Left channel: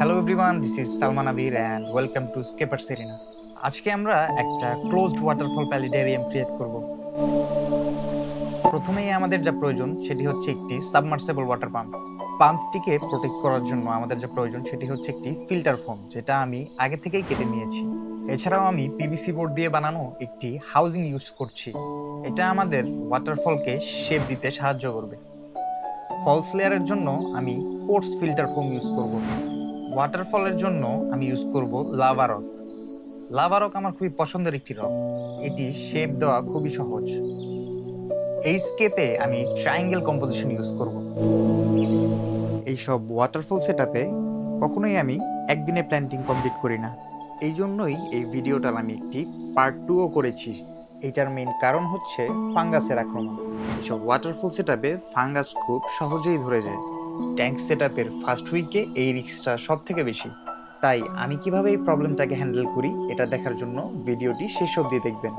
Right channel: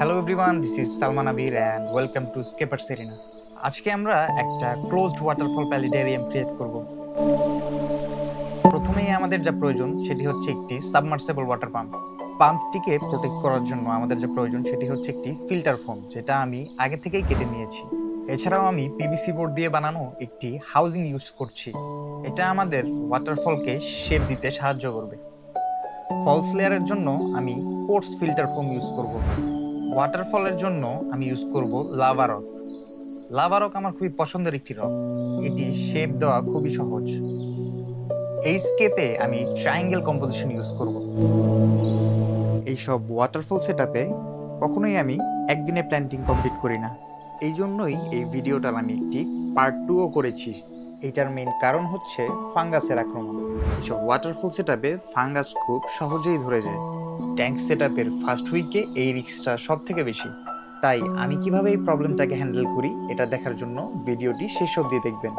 Hello everyone, this is Salman Abir and welcome to স্কেপার Serena. আজকে আমরা একটা ক্লোজড ওয়াটারফল প্যালিডেরিয়াম ক্রিয়েট করব। প্রথমেই আমাদের যা প্রয়োজন সেটি হচ্ছে একটি সাবমার্সেবল ওয়াটার পাম্প। পাম্পটিকে প্রোটেক্ট করার জন্য আমাদের যা প্রয়োজন সেটি হচ্ছে একটি ফিল্টার ফোম, যেটা আমি আগে থেকেই কেটে নিয়েছি। এছাড়াও আমি পিভিসি বোর্ড দিয়ে বানানো একটি হাউজিং ইউজ করছি। এটা আমাদের ওয়াটারফলকে শেপ দিতে সাহায্য করবে। ফলস লেয়ারের জন্য আমি কোর্স ফিল্টার ফোম ইউজ করব। ওয়াটারফলের জন্য আমি ইউজ করব লাভা রক। লাভা রক আমার খুবই পছন্দের একটি রক, এটি শেপ দেওয়া খুবই সহজ। এই স্কেপে আমি ট্রায়াঙ্গেল কম্পোজিশন ইউজ করব। এইসব ওয়াটারফল সেটআপে কখনোই আমি একদিনে প্ল্যান্টিং কমপ্লিট করি না, এই জন্যই এই ভিডিওটার আমি একটি পার্ট 2ও করেছি। এইটার মেইন কারণ হচ্ছে ফাঙ্গাসের আক্রমণ। এইসব ওয়াটারফল সেটআপে ফাঙ্গাস খুব সহজেই ধরে যায়। ট্যাঙ্ক সেটআপের ফার্স্ট উইকে এই রিস্কটা সব থেকে বেশি। তাই আমি কিভাবে এই প্রবলেমটাকে হ্যান্ডেল করি এটা দেখার জন্য ভিডিওটি শেষ অবধি দেখবেন।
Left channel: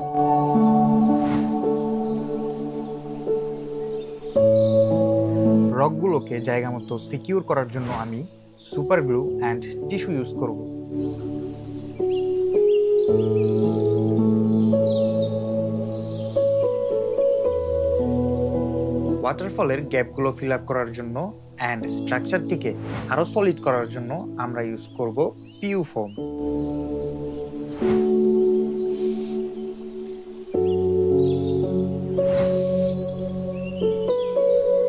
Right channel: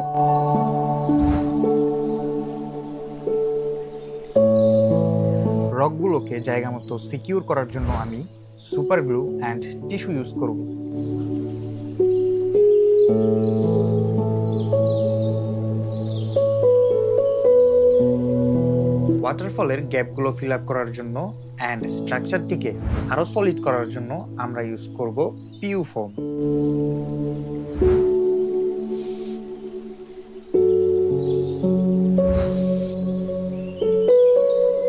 রকগুলোকে জায়গা মতো সিকিউর করার জন্য আমি super glue and tissue use করব। ওয়াটারফলের গ্যাপগুলো ফিল আপ করার জন্য অ্যান্ড স্ট্রাকচারটিকে আরো সলিড করার জন্য আমরা ইউজ করব PU foam.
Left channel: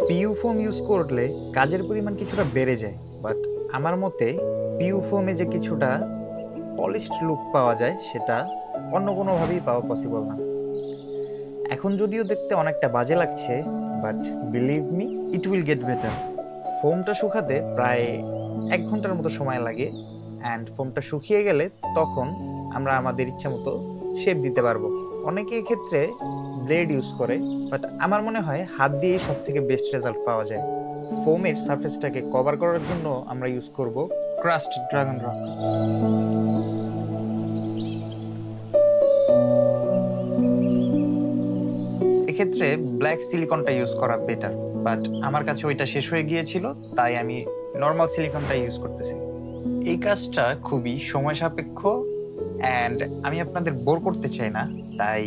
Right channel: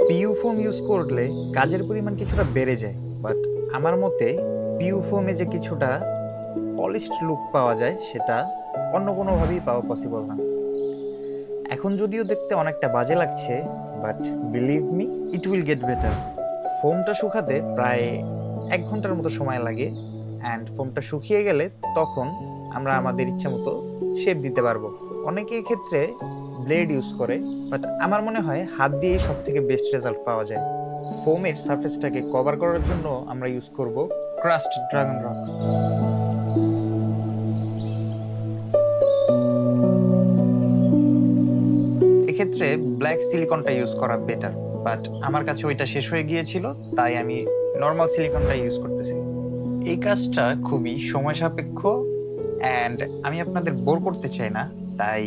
PU foam use করলে কাজের পরিমাণ কিছুটা বেড়ে যায়, বাট আমার মতে পিইউ ফোমে যে কিছুটা পলিশড লুক পাওয়া যায় সেটা অন্য কোনোভাবেই পাওয়া পসিবল না। এখন যদিও দেখতে অনেকটা বাজে লাগছে, but believe me, it will get better. ফোমটা শুকাতে প্রায় 1 ঘন্টার মতো সময় লাগে, অ্যান্ড ফোমটা শুকিয়ে গেলে তখন আমরা আমাদের ইচ্ছা মতো শেপ দিতে পারবো। অনেকে ক্ষেত্রে ব্লেড ইউজ করে, বাট আমার মনে হয় হাত দিয়েই সব থেকে বেস্ট রেজাল্ট পাওয়া যায়। ফোমের সারফেসটাকে কভার করার জন্য আমরা ইউজ করব ক্রাস্ট ড্রাগন রক। এক্ষেত্রে ব্ল্যাক সিলিকনটা ইউজ করা বেটার, বাট আমার কাছে ওইটা শেষ হয়ে গিয়েছিল, তাই আমি নর্মাল সিলিকনটা ইউজ করতেছি। এই কাজটা খুবই সময় সাপেক্ষ অ্যান্ড আমি আপনাদের বোর করতে চাই না, তাই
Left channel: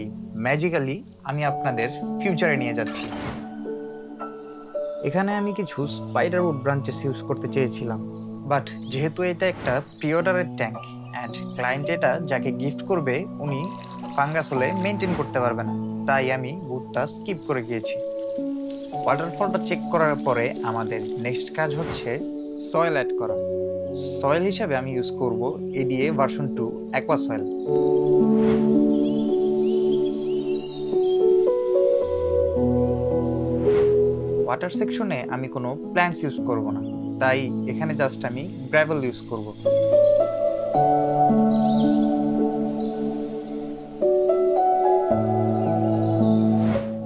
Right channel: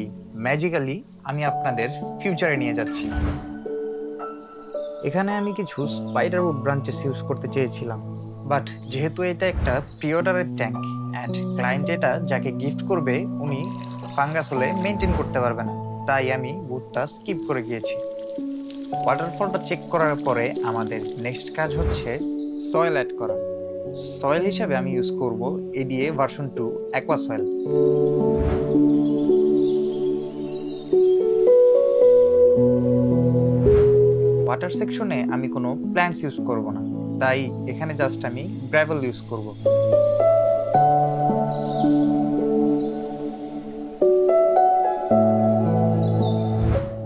ম্যাজিক্যালি আমি আপনাদের ফিউচারে নিয়ে যাচ্ছি। এখানে আমি কিছু স্পাইডারউড ব্রাঞ্চেস ইউজ করতে চেয়েছিলাম, বাট যেহেতু এটা একটা প্রি অর্ডারের ট্যাঙ্ক অ্যান্ড ক্লায়েন্ট এটা যাকে গিফট করবে উনি ফাঙ্গাস হলে মেনটেন করতে পারবে না, তাই আমি উডটা স্কিপ করে গিয়েছি। ওয়াটারফলটা চেক করার পরে আমাদের নেক্সট কাজ হচ্ছে সয়েল অ্যাড করা। সয়েল হিসাবে আমি ইউজ করব ADA version 2 aqua soil. Water সেকশনে আমি কোনো প্ল্যান্টস ইউজ করব না, তাই এখানে জাস্ট আমি গ্র্যাভেল ইউজ করব।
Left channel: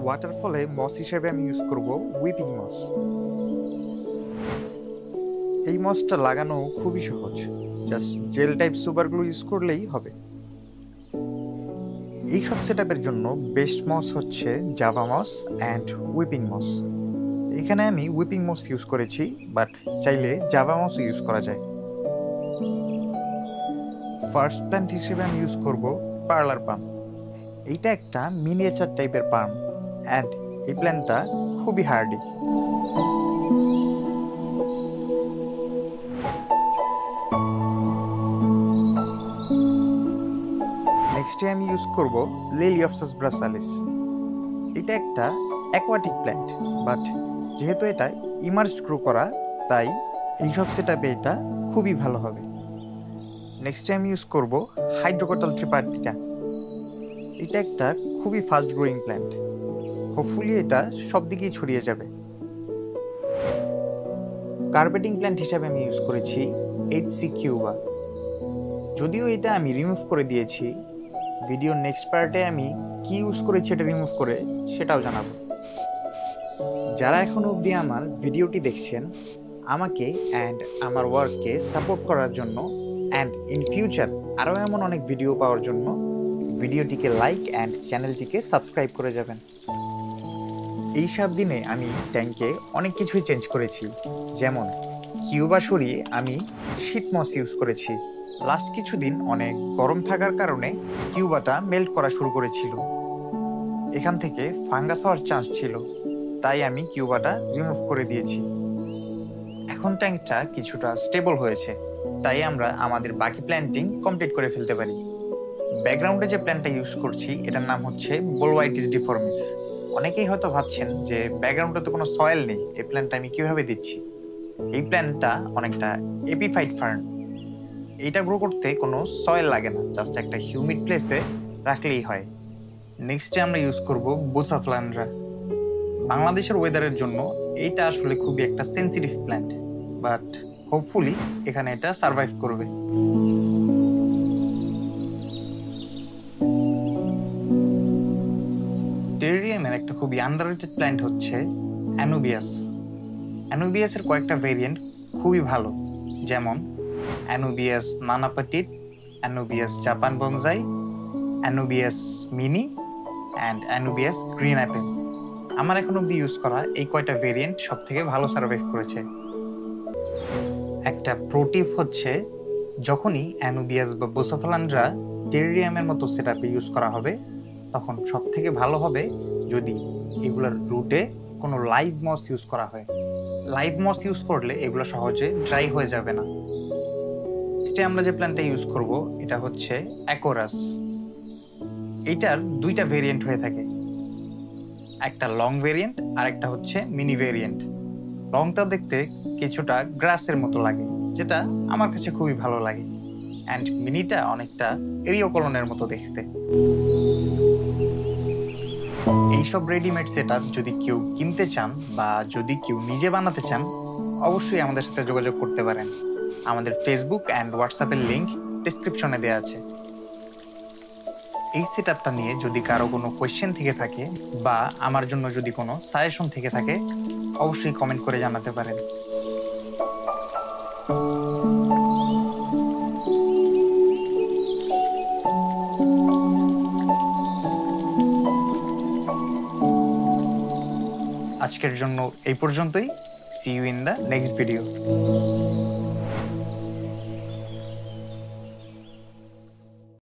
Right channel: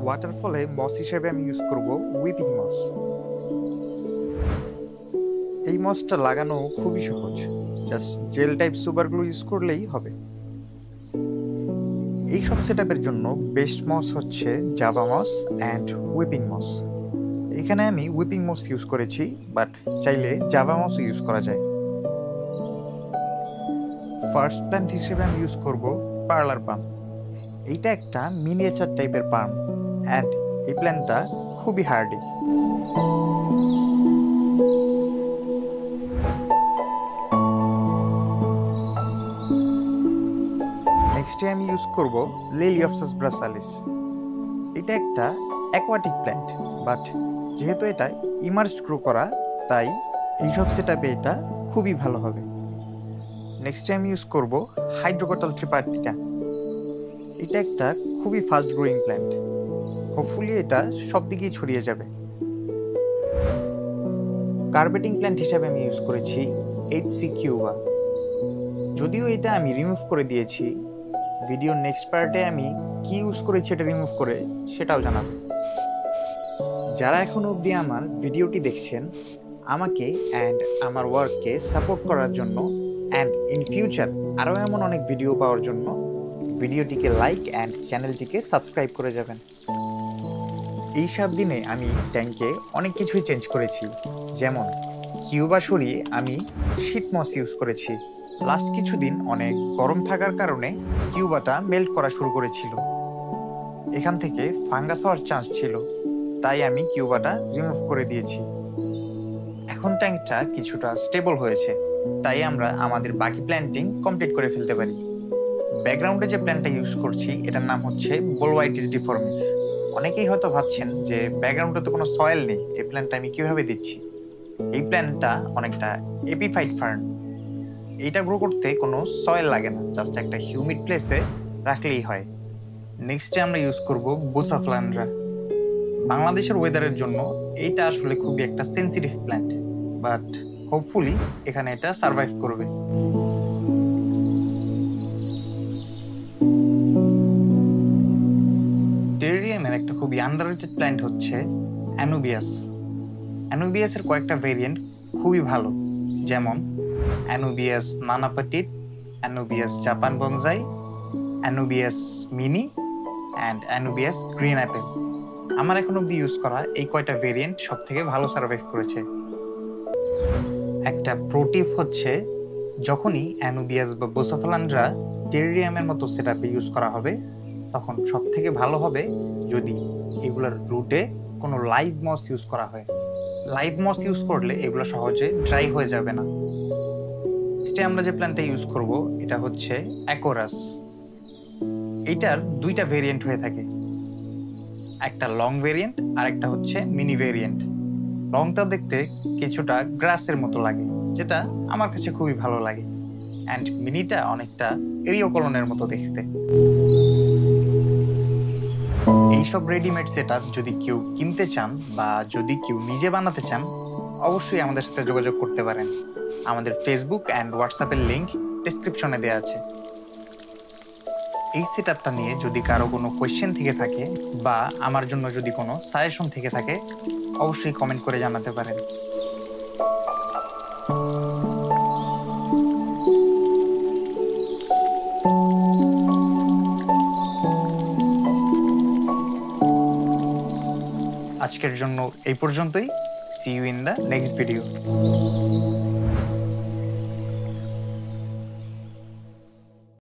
ওয়াটারফলে মস হিসেবে আমি ইউজ করব উইপিং মস। এই মসটা লাগানো খুবই সহজ, just gel type super glue use করলেই হবে। এই সব সেটআপের জন্য বেস্ট মস হচ্ছে Java moss and weeping moss. এখানে আমি উইপিং মস ইউজ করেছি, বাট চাইলে জাভা মসও ইউজ করা যায়। ফার্স্ট প্ল্যান্ট হিসেবে আমি ইউজ করব পার্লার পাম। এইটা একটা মিনিয়েচার টাইপের পাম অ্যান্ড এই প্ল্যান্টটা খুবই হার্ডি। নেক্সটে আমি ইউজ করব লেলিওপসাস ব্রাসালিস। এটা একটা অ্যাকোয়াটিক প্ল্যান্ট, বাট যেহেতু এটা ইমার্জড গ্রো করা, তাই এইসব সেটআপে এটা খুবই ভালো হবে। নেক্সটে আমি ইউজ করব হাইড্রোকটাল ট্রিপার্টিটা। এটা একটা খুবই ফাস্ট গ্রোয়িং প্ল্যান্ট, হোপফুলি এটা সব দিকেই ছড়িয়ে যাবে। কার্পেটিং প্ল্যান্ট হিসাবে আমি ইউজ করেছি এইচসি কিউবা। যদিও এটা আমি রিমুভ করে দিয়েছি, ভিডিওর নেক্সট পার্টে আমি কি ইউজ করেছি এটা রিমুভ করে সেটাও জানাবো। যারা এখনো অবধি আমার ভিডিওটি দেখছেন, আমাকে অ্যান্ড আমার ওয়ার্ককে সাপোর্ট করার জন্য অ্যান্ড ইন ফিউচার আরও এমন অনেক ভিডিও পাওয়ার জন্য ভিডিওটিকে লাইক অ্যান্ড চ্যানেলটিকে সাবস্ক্রাইব করে যাবেন। এই 7 দিনে আমি ট্যাঙ্কে অনেক কিছুই চেঞ্জ করেছি, যেমন কিউবা সরিয়ে আমি শীট মস ইউজ করেছি। লাস্ট কিছুদিন অনেক গরম থাকার কারণে কিউবাটা মেল্ট করা শুরু করেছিল। এখান থেকে ফাঙ্গাস হওয়ার চান্স ছিল, তাই আমি কিউবাটা রিমুভ করে দিয়েছি। এখন ট্যাঙ্কটা কিছুটা স্টেবল হয়েছে, তাই আমরা আমাদের বাকি প্ল্যান্টিং কমপ্লিট করে ফেলতে পারি। ব্যাকগ্রাউন্ডে যে প্ল্যান্টটা ইউজ করছি এটার নাম হচ্ছে বোলওয়াইটিস ডিফর্মিস। অনেকেই হয়তো ভাবছেন যে ব্যাকগ্রাউন্ডে তো কোনো সয়েল নেই, এই প্ল্যান্টটা আমি কিভাবে দিচ্ছি। এই প্ল্যান্টটা অনেকটা এপিফাইট ফার্ন। এইটা গ্রো করতে কোনো সয়েল লাগে না, জাস্ট একটা হিউমিড প্লেসে রাখলেই হয়। নেক্সটে আমরা ইউজ করব বোসাফ্লান্ড্রা। বাংলাদেশের ওয়েদারের জন্য এইটা আসলে খুবই একটা সেন্সিটিভ প্ল্যান্ট, বাট হোপফুলি এখানে এটা সার্ভাইভ করবে। টেরিয়ামের একটা খুবই আন্ডাররেটেড প্ল্যান্ট হচ্ছে অ্যানুবিয়াস। অ্যানুবিয়াসের কয়েকটা ভেরিয়েন্ট খুবই ভালো, যেমন Anubias nana petite, Anubias Japan bonsai, Anubias mini and Anubias green apple. আমার এখন অব্দি ইউজ করা এই কয়টা ভেরিয়েন্ট সব থেকে ভালো সার্ভাইভ করেছে। একটা প্রোটিপ হচ্ছে, যখনই অ্যানুবিয়াস বা বোসাফ্লান্ড্রা টেরিয়ামের মতো সেটআপে ইউজ করা হবে তখন সব থেকে ভালো হবে যদি এগুলোর রুটে কোনো লাইভ মস ইউজ করা হয়। লাইভ মস ইউজ করলে এগুলো সহজে ড্রাই হয়ে যাবে না। আমরা যে প্ল্যান্টটা ইউজ করব এটা হচ্ছে অ্যাকোরাস। এইটার দুইটা ভেরিয়েন্ট হয়ে থাকে, একটা লং ভেরিয়েন্ট আর একটা হচ্ছে মিনি ভেরিয়েন্ট। লংটা দেখতে কিছুটা গ্রাসের মতো লাগে, যেটা আমার কাছে খুবই ভালো লাগে, অ্যান্ড মিনিটা অনেকটা এরিওকলনের মতো দেখতে। এইসব রেডিমেড সেটআপ যদি কেউ কিনতে চান বা যদি কেউ নিজে বানাতে চান অবশ্যই আমাদের সাথে যোগাযোগ করতে পারেন। আমাদের ফেসবুক অ্যান্ড হোয়াটসঅ্যাপের লিংক ডেসক্রিপশনে দেওয়া আছে। এই সেটআপটা নিয়ে যদি কারো কোনো কোয়েশ্চেন থেকে থাকে বা আমার জন্য যদি কোনো সাজেশন থেকে থাকে অবশ্যই কমেন্ট করে জানাতে পারেন। আজকের জন্য এই পর্যন্তই। See you in the next video.